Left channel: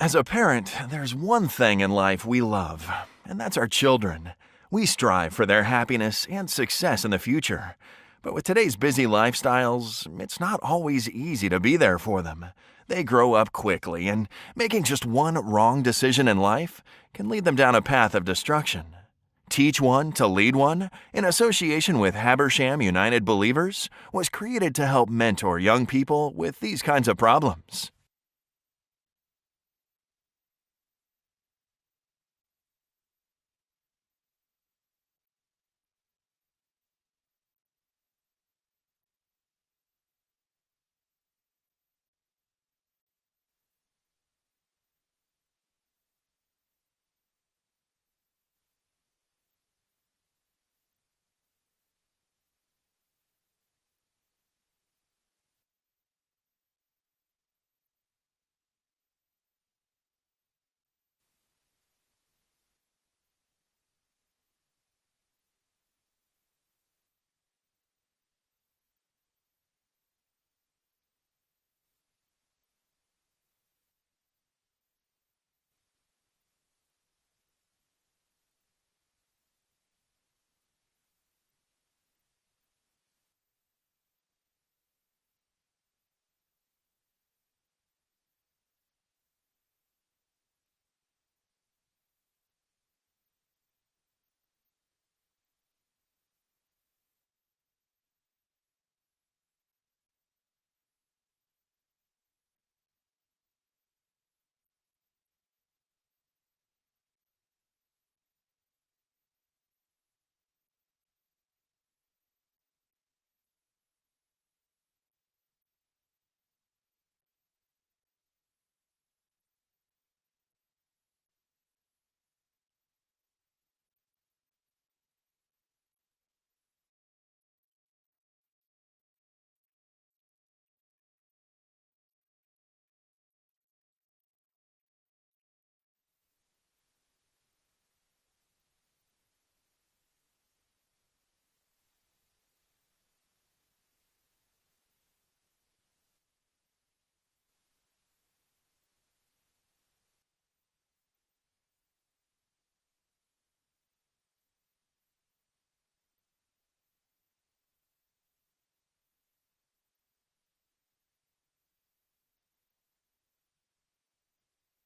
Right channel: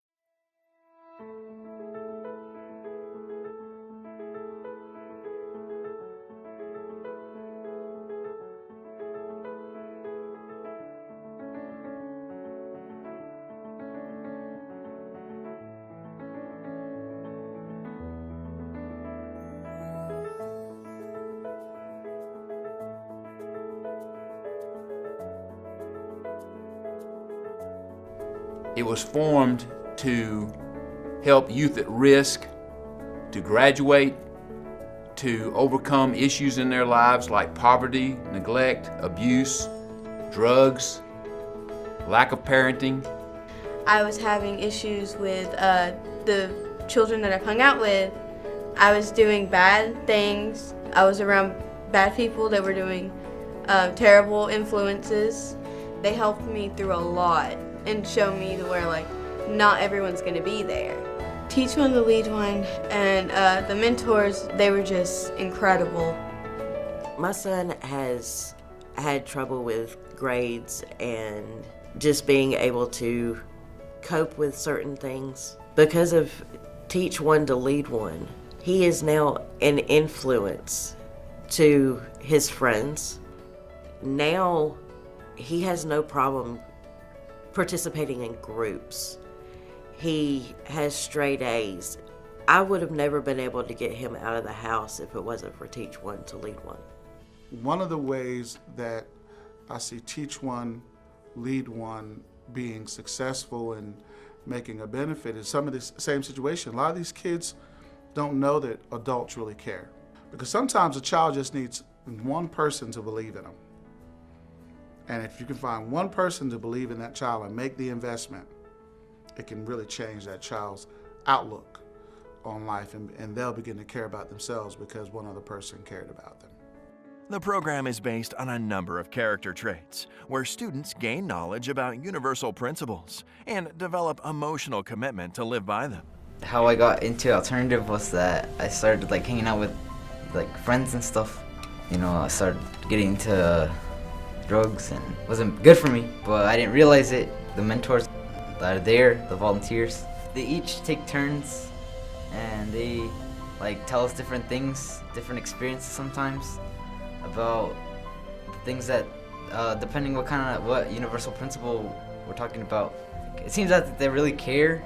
As a parent, there's one thing in life we love, and that's our children. We strive for their happiness and success in the future. But with today's busy lifestyles, it's not always easy to be there for them. They grow up quickly, and making just one wrong decision in life can lead them down a path of destruction. Teach One to Lead One, in association with Habersham United Believers, was created to help mentor young people with these kinds of problems. It was formed to help youth at risk to graduate, to overcome issues in their lives like poverty, neglect, abuse, drugs, lack of parenting. I was having issues with the children that I've hung out with. I was doing bad things. I was around bad people that were doing terrible influences. They helped me through a lot and showed me to where not everyone's gonna be there. Teach One to Lead One, and the mentors, they were just incredible. My son has had trouble with grades and just being able to cope with certain things. Because of Teach One to Lead One, he is now an influence to his friends. Now he has no problem participating in groups. He has straight A's. I would have never been able to get him out of the house if it wasn't for Teach One to Lead One. One of the ways that I see Teach One, Lead One being successful and making a benefit is some of this same situation. A lot of these kids don't know that adults really care. Because sometimes a child just needs one person to believe in them. And if you can find one person to believe in that child and make the investment, it can really change that child's outlook on life, and they'll begin to care about themselves because one other person cared about them. The program is based on a number of character traits, where students gain knowledge about universal principles and develop emotional commitment to live by them. How I got into alternative was that I started hanging out with friends and stuff. I started getting into drugs, and it wasn't good for me, but I didn't realize it. The mentors that are there, the volunteers, they each take turns, and they tell us different things, different experiences sometimes about things that, depending what universal principle we're talking about. It seems that they really care.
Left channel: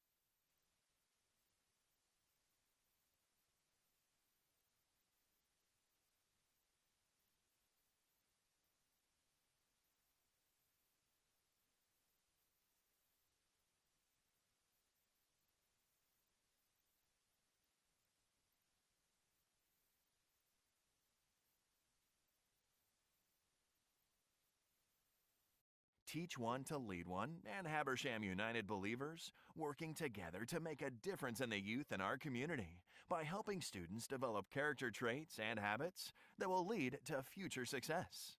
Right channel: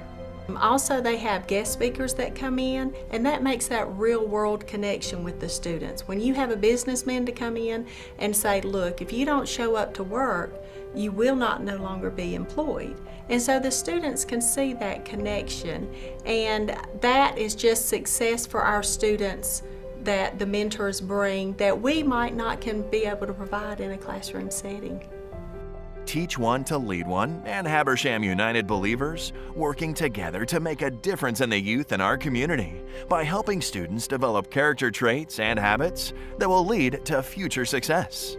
Also, they have guest speakers that come in, and that makes that real-world connection with the students. When you have a businessman to come in and say, look, if you don't show up to work, you will not no longer be employed. And so the students can see that connection, and that is just success for our students that the mentors bring that we might not can be able to provide in a classroom setting. Teach One to Lead One and Habersham United Believers working together to make a difference in the youth in our community by helping students develop character traits and habits that will lead to future success.